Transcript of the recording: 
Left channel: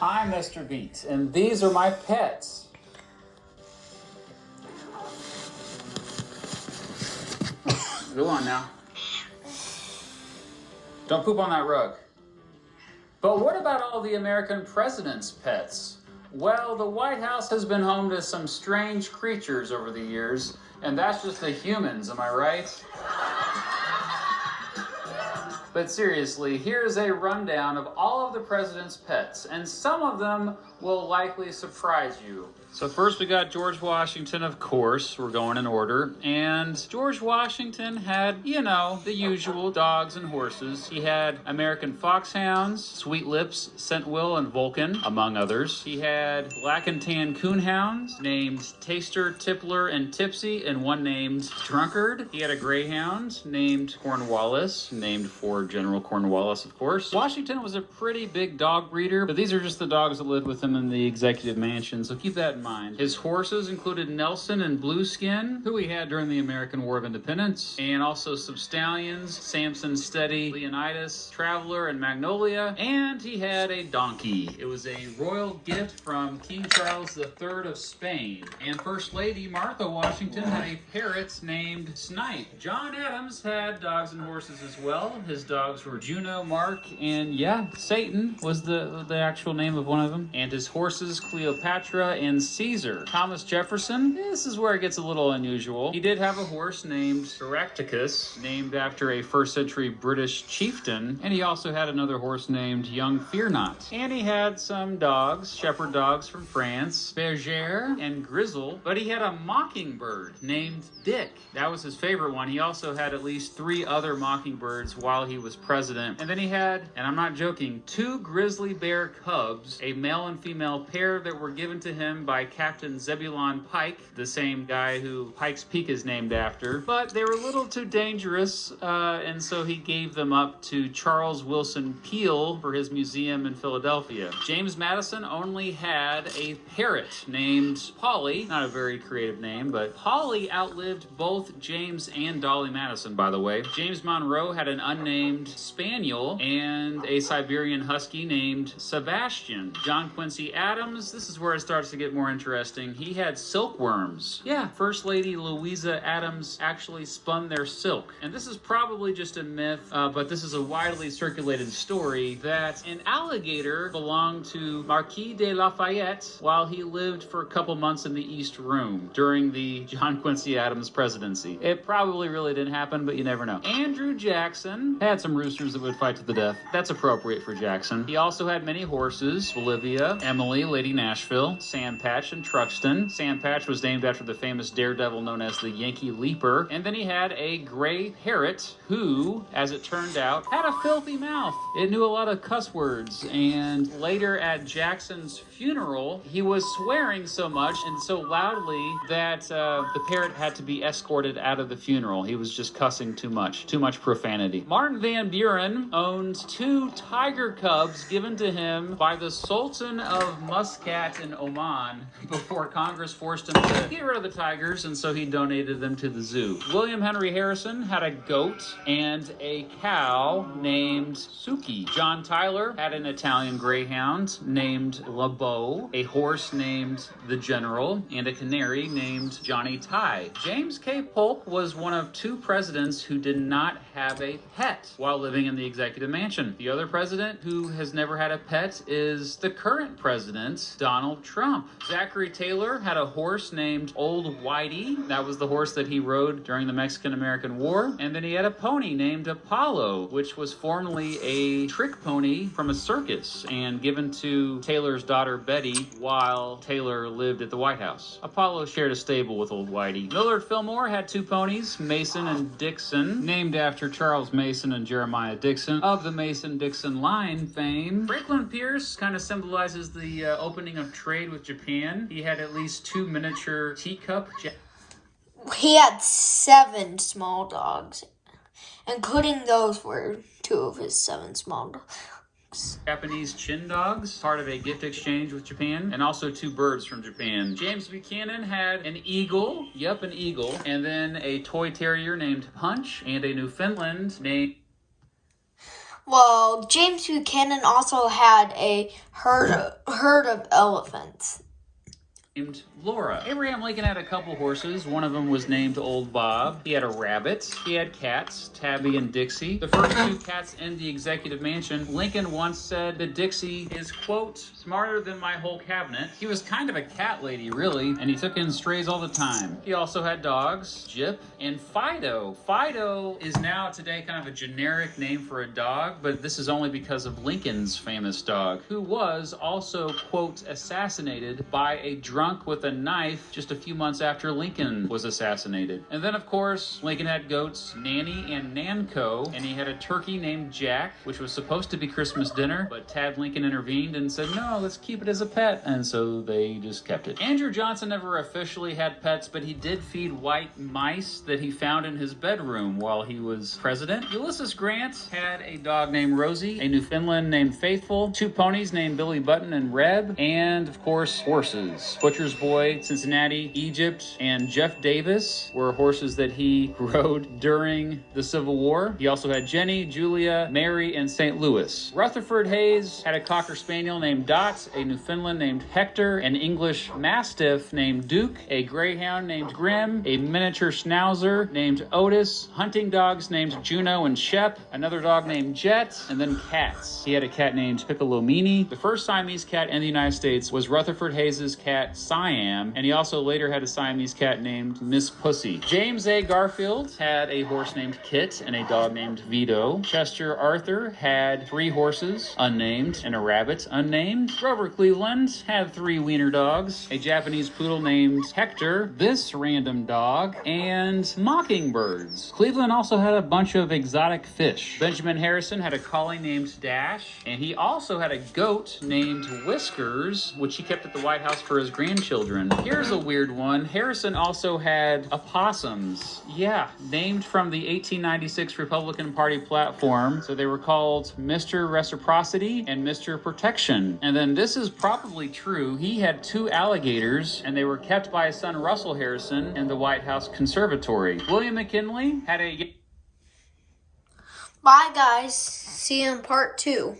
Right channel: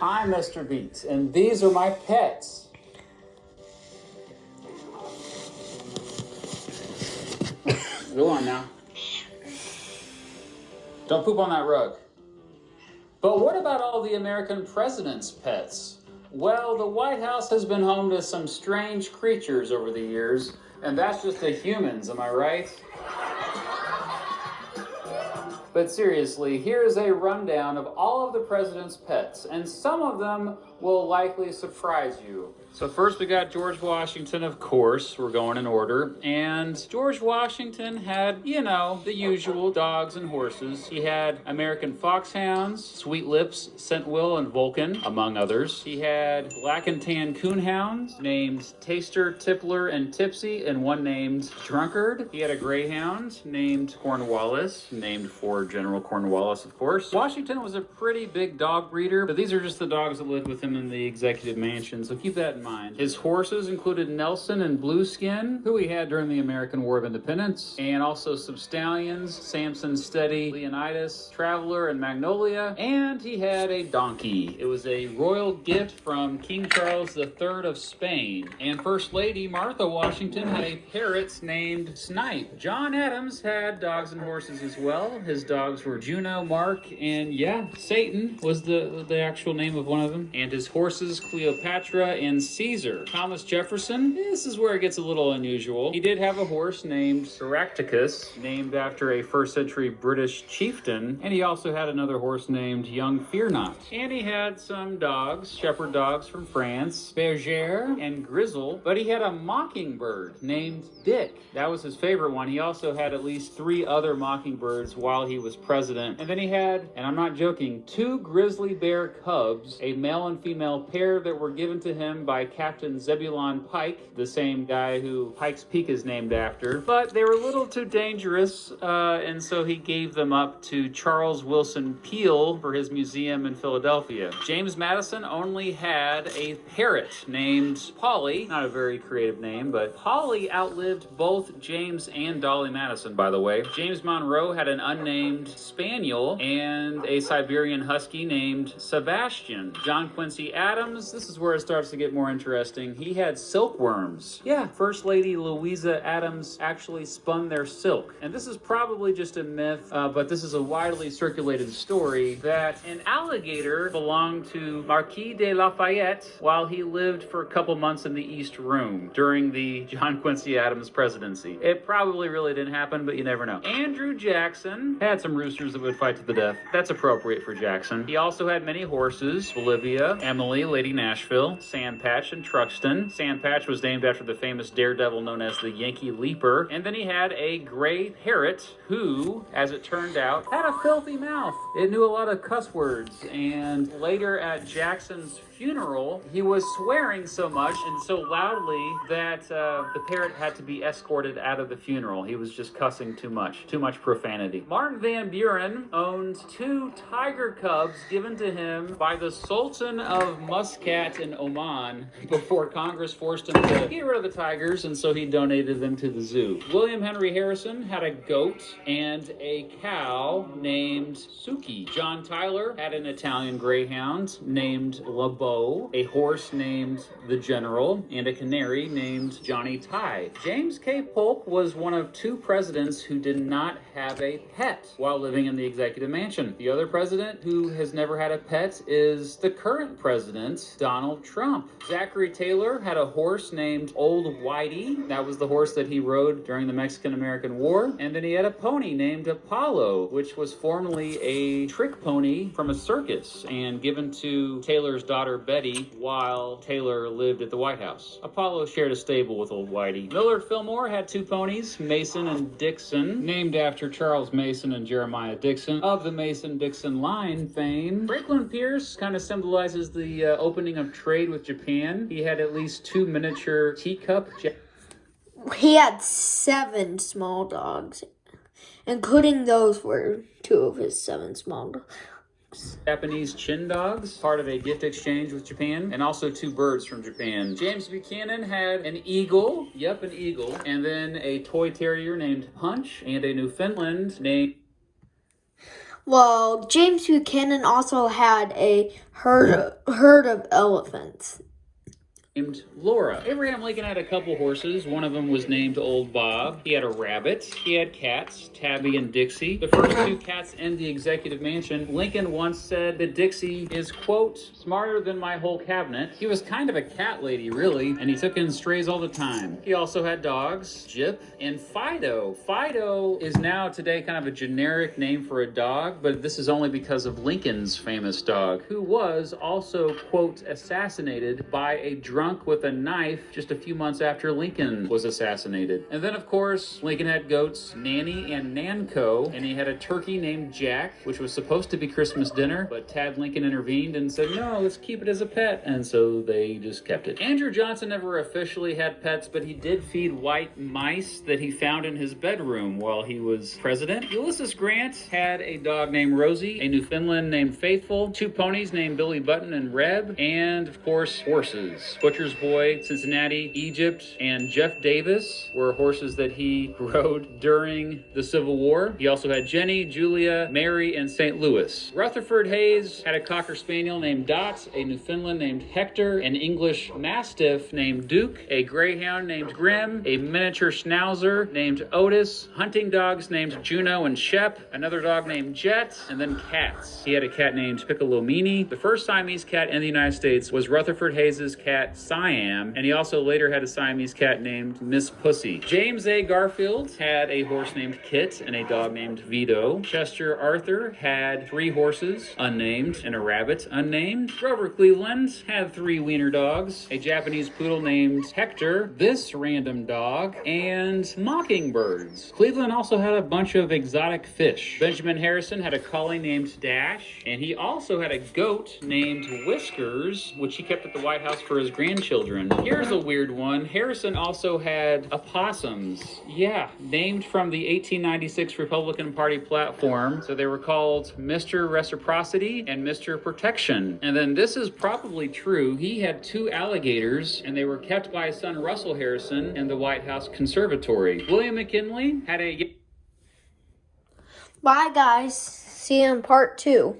I'm Mr. Beat, and these are my pets. Go on now. Don't poop on that rug. But what about all the American president's pets? Well, the White House has been home to some strange creatures over the years, and that's just the humans, am I right? But seriously, here's a rundown of all of the president's pets, and some of them will likely surprise you. So first we got George Washington, of course. We're going in order. And George Washington had, you know, the usual dogs and horses. He had American foxhounds, Sweet Lips, Scentwill, and Vulcan, among others. He had black and tan coonhounds named Taster, Tippler, and Tipsy, and one named Drunkard. He had a greyhound named Cornwallis, named for General Cornwallis, of course. Washington was a pretty big dog breeder, but these are just the dogs that lived with him in the executive mansion, so keep that in mind. His horses included Nelson and Blueskin, who he had during the American War of Independence, and also some stallions, Samson, Steady, Leonidas, Traveler, and Magnolia, and he had a donkey. It was a royal gift from King Charles III of Spain. And First Lady Martha Washington had a parrot named Snipe. John Adams had dogs and horses as well. His dogs were Juno, Mark, and yeah, Satan was the actual name of one of them. And his horses, Cleopatra and Caesar. Thomas Jefferson, this is where it gets a little unusual. He did have a horse named Caractacus, named after a first century British chieftain, and he also had another horse named Young Fear Not. And he had some dogs, shepherd dogs from France, Bergère and Grizzle, but he had a mockingbird named Dick. That was his favorite one. He also had at least 3 other mockingbirds while he was president. And then he had, and I'm not joking, 2 grizzly bear cubs, a male and female pair that were given to him by Captain Zebulon Pike, the same guy who Pike's Peak is named after. But they were a little too dangerous, and so he gave them up to Charles Wilson Peale for his museum in Philadelphia. James Madison only had a parrot named Polly. Not a very creative name, but Polly outlived both James and Dolly Madison, by the way. James Monroe had an unnamed spaniel and a Siberian husky named Sebastian. John Quincy Adams, this is where it starts to get more interesting. He had silkworms. Yeah, First Lady Louisa Adams actually spun their silk. And this is probably just a myth, but this is a widely circulated story that an alligator belonged to Marquis de Lafayette while he lived for a couple months in the East Room during the John Quincy Adams presidency. It probably really didn't happen, but you never know. Andrew Jackson had some roosters that would fight to the death. That's appropriate for Jackson. He also had many horses: Bolivia, Emily, Lady Nashville, Sam Patch, and Truxton. Sam Patch was named after the famous daredevil known as the Yankee Leaper. And then he had a gray parrot who, as it turned out, had a filthy mouth. It knew a lot of cuss words. And later at Jackson's funeral, he was swearing so much and so loudly that the parrot had to be escorted out of the funeral. He was just cussing too much profanity. Martin Van Buren owned 2 tiger cubs given to him by the Sultan of Muscat in Oman before Congress forced him to get rid of the tigers, and so he donated them to the zoo. William Henry Harrison had a goat and a cow named Suki. John Tyler had an Italian greyhound named LeBeau, a horse named the General, and a canary named Johnny Ty. James K. Polk was one of 2 presidents who did not have a pet while living in the executive mansion. The other president who has never had a pet is the current president, Donald Trump. Zachary Taylor had a horse named Old Whitey. That was the horse that he rode during the Mexican-American War. And then he had a pony named Apollo, which was formerly a trick pony from a circus and given to Taylor's daughter Betty while Taylor lived at the White House. Apollo shared a stable with Old Whitey. Millard Fillmore had 2 ponies, Mason and Dixon, named after Charles Mason and Jeremiah Dixon of the Mason-Dixon line fame. Franklin Pierce kind of symbolizes the opening of trade with Japan. He had at least 2 miniature teacup. He had 7 small dogs, including those were 2 of his 7 small dogs. Japanese chin dogs, part of a gift exchange with Japan, and also 2 birds from Japan. James Buchanan had an eagle, an eagle, and then a toy terrier named Punch, and a Newfoundland named... Well, James Buchanan also had a herd of elephants. Named Laura. Abraham Lincoln had a couple horses. One of them was named Old Bob. He had a rabbit. He had cats, Tabby and Dixie. The first two cats in the executive mansion. Lincoln once said that Dixie is, quote, smarter than my whole cabinet. He was kind of a cat lady, really, and he took in strays all the time. He also had dogs, Jip and Fido. Fido is now today kind of a generic name for a dog, but this is only because of Lincoln's famous dog, who was also, quote, assassinated by a drunk with a knife just a few months after Lincoln was assassinated. And then, of course, Lincoln had goats, Nanny and Nanko, and he had a turkey named Jack, which was supposed to be Christmas dinner, but Tad Lincoln intervened and said, no, let's keep it as a pet. And so they just kept it. Andrew Johnson never officially had pets, but he did feed white mice that he found in his bedroom while he was president. Ulysses Grant had a dog named Rosie, a Newfoundland named Faithful, two ponies named Billy Button and Reb, and, of course, horses. Butcher's Boy, Cincinnati, Egypt, and Jeff Davis were horses that he rode during the Civil War. He also had Jenny, Julia, Mary, and St. Louis. Rutherford Hayes had a Cocker Spaniel named Dot, a Newfoundland named Hector, an English Mastiff named Duke, a Greyhound named Grim, a miniature Schnauzer named Otis, hunting dogs named Juno and Shep, another dog named Jet, and then cats. He had a cat named Piccolomini. The first Siamese cat in the United States was Rutherford Hayes' cat Siam, and he also later had a Siamese cat named Miss Pussy. James A. Garfield had a horse named Kit and a dog named Vito. Chester Arthur had 3 horses, unnamed, and a rabbit, unnamed. Grover Cleveland had 3 wiener dogs, a Japanese poodle named Hector, this random dog, and mockingbirds. Cleveland also had a bunch of exotic fish. Benjamin Harrison had a collie named Dash, and he also had a goat named Whiskers, which he kept at the White House for his grandchildren. Here's a weird one. Harrison also had opossums. Yeah, named from the 1896 Republican Party platform. So they were called Mr. Reciprocity and Mr. Protection. And then this is probably true. He had 2 alligators, and they were kept by his son Russell Harrison in the White House Conservatory. William McKinley had a... Bye, guys. See you in part 2.